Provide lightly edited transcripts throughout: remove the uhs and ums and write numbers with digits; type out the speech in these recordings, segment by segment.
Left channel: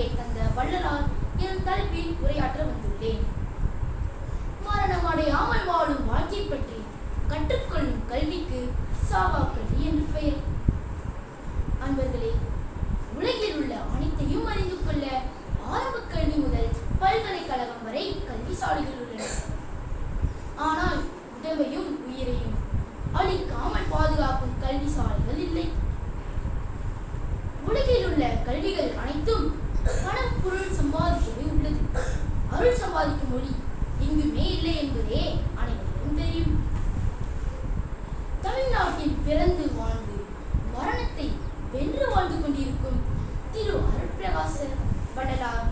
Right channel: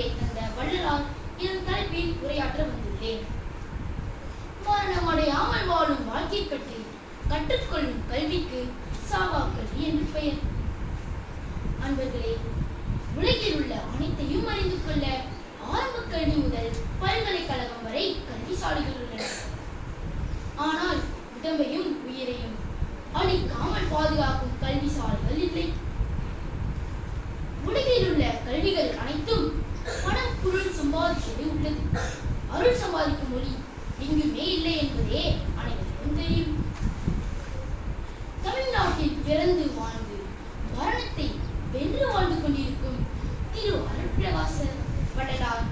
கல்வியை தந்த வள்ளலார் எனும் தலைப்பில் உரையாற்ற வந்துள்ளேன். மரணமடையாமல் வாழும் வாழ்க்கை பற்றி கற்றுக்கொள்ளும் கல்விக்கு சாவா கல்வி என்று பெயர். அன்பர்களே, உலகில் உள்ள அனைத்தையும் அறிந்து கொள்ள ஆரம்ப கல்வி முதல் பல்கலைக்கழகம் வரை கல்விசாலைகள் உள்ளன. ஆனால் உடம்பையும் உயிரையும் அழிக்காமல் பாதுகாக்கும் கல்விசாலைகள் இல்லை. உலகில் உள்ள கல்விகள் அனைத்தும் பணம் பொருள் சம்பாதிக்கவே உள்ளது. அருள் சம்பாதிக்கும் மொழி எங்குமே இல்லை என்பதே அனைவருக்கும் தெரியும். தமிழ்நாட்டில் பிறந்து வாழ்ந்து மரணத்தை வென்று வாழ்ந்து கொண்டிருக்கும் திரு அருட்பிரகாச வள்ளலார்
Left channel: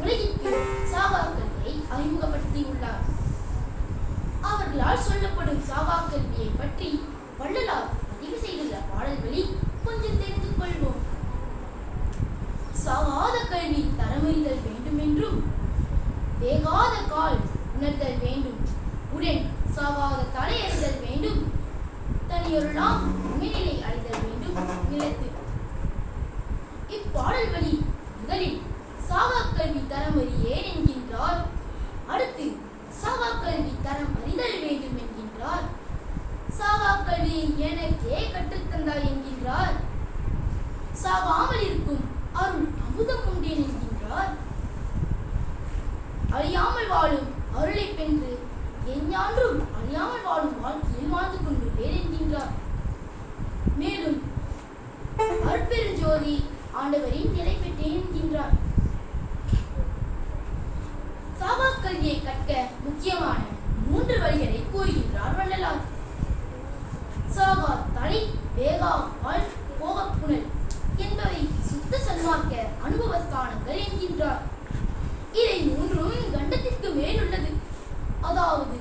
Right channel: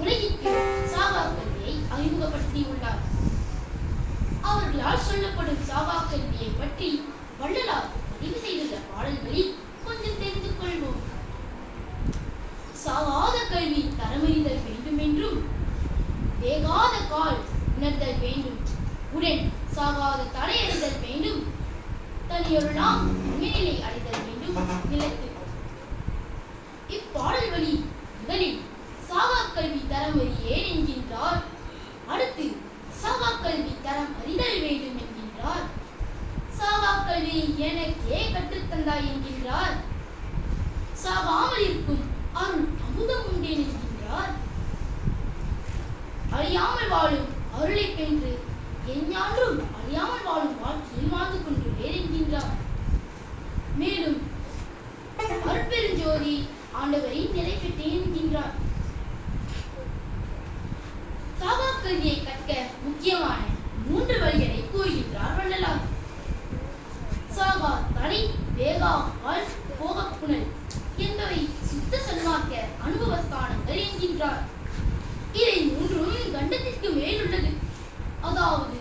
உலகிற்கு சாவா கல்வியை அறிமுகப்படுத்தியுள்ளார். அவர்களால் சொல்லப்படும் சாவா கல்வியை பற்றி வள்ளலார் பதிவு செய்துள்ள பாடல்களில் கொஞ்சம் தெரிந்து கொள்வோம். சாகாத கல்வி தரமறிதல் வேண்டும் என்றும், வேகாத கால் உணர்தல் வேண்டும், உடன் சாகாத தலை அறிதல் வேண்டும், தனியொருளாம் உண்மைநிலை அறிதல் வேண்டும் நிலைத்து. இப்பாடல் வழி முதலில் சாகா கல்வி தரம் அறியேன் என்கின்றார். அடுத்து சாகா கல்வி தரம் அறிதல் வேண்டும் என்கின்றார். சாகா கல்வி எனக்கே கற்றுத்தந்தாய் என்கின்றார். சாகாமல் இருக்கும் அருள் அமுதம் உண்டேன் என்கின்றார். அழியாமல் வாழும் அருளை பெற்று எஞ்ஞான்றும் அழியாமல் வாழும் வாழ்க்கையில் வாழ்ந்து கொண்டுள்ளேன் என்கின்றார். மேலும் அருட்பெருஞ்சோதி ஆண்டவரின் நிலை பெற்றேன் என்கின்றார். சாவா கல்வியை கற்க முக்கியமான 3 வழிகளை கூறுகின்றார் வள்ளலார். சாகா தலை, வேகா கால், போக புனல் என்பவை சுத்த சன்மார்க்க அனுபவஸ்தானங்கள் என்கின்றார். இதை 3ம் கண்டத்திற்கு மேல் உள்ளது, அதாவது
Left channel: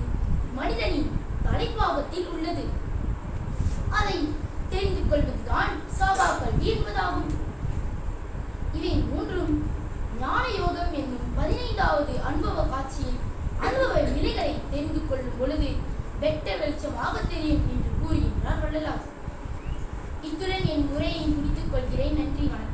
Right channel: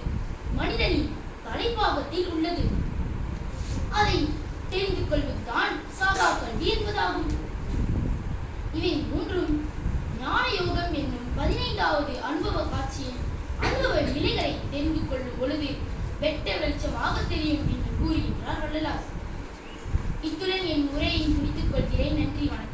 மனிதனின் தலைப்பாகத்தில் உள்ளது. அதை தெரிந்து கொள்வதுதான் சாகா கல்வி என்பதாகும். இவை 3ம் ஞான யோகம் என்னும் 15வது அனுபவ காட்சியின் அனுபவ நிலைகளை தெரிந்து கொள்ளும் பொழுது வெட்ட வெளிச்சமாக தெரியும் என்று கூறுகின்றார் வள்ளலார். இத்துடன் என் உரையை முடித்துக் கொள்கிறேன். நன்றி, வணக்கம்.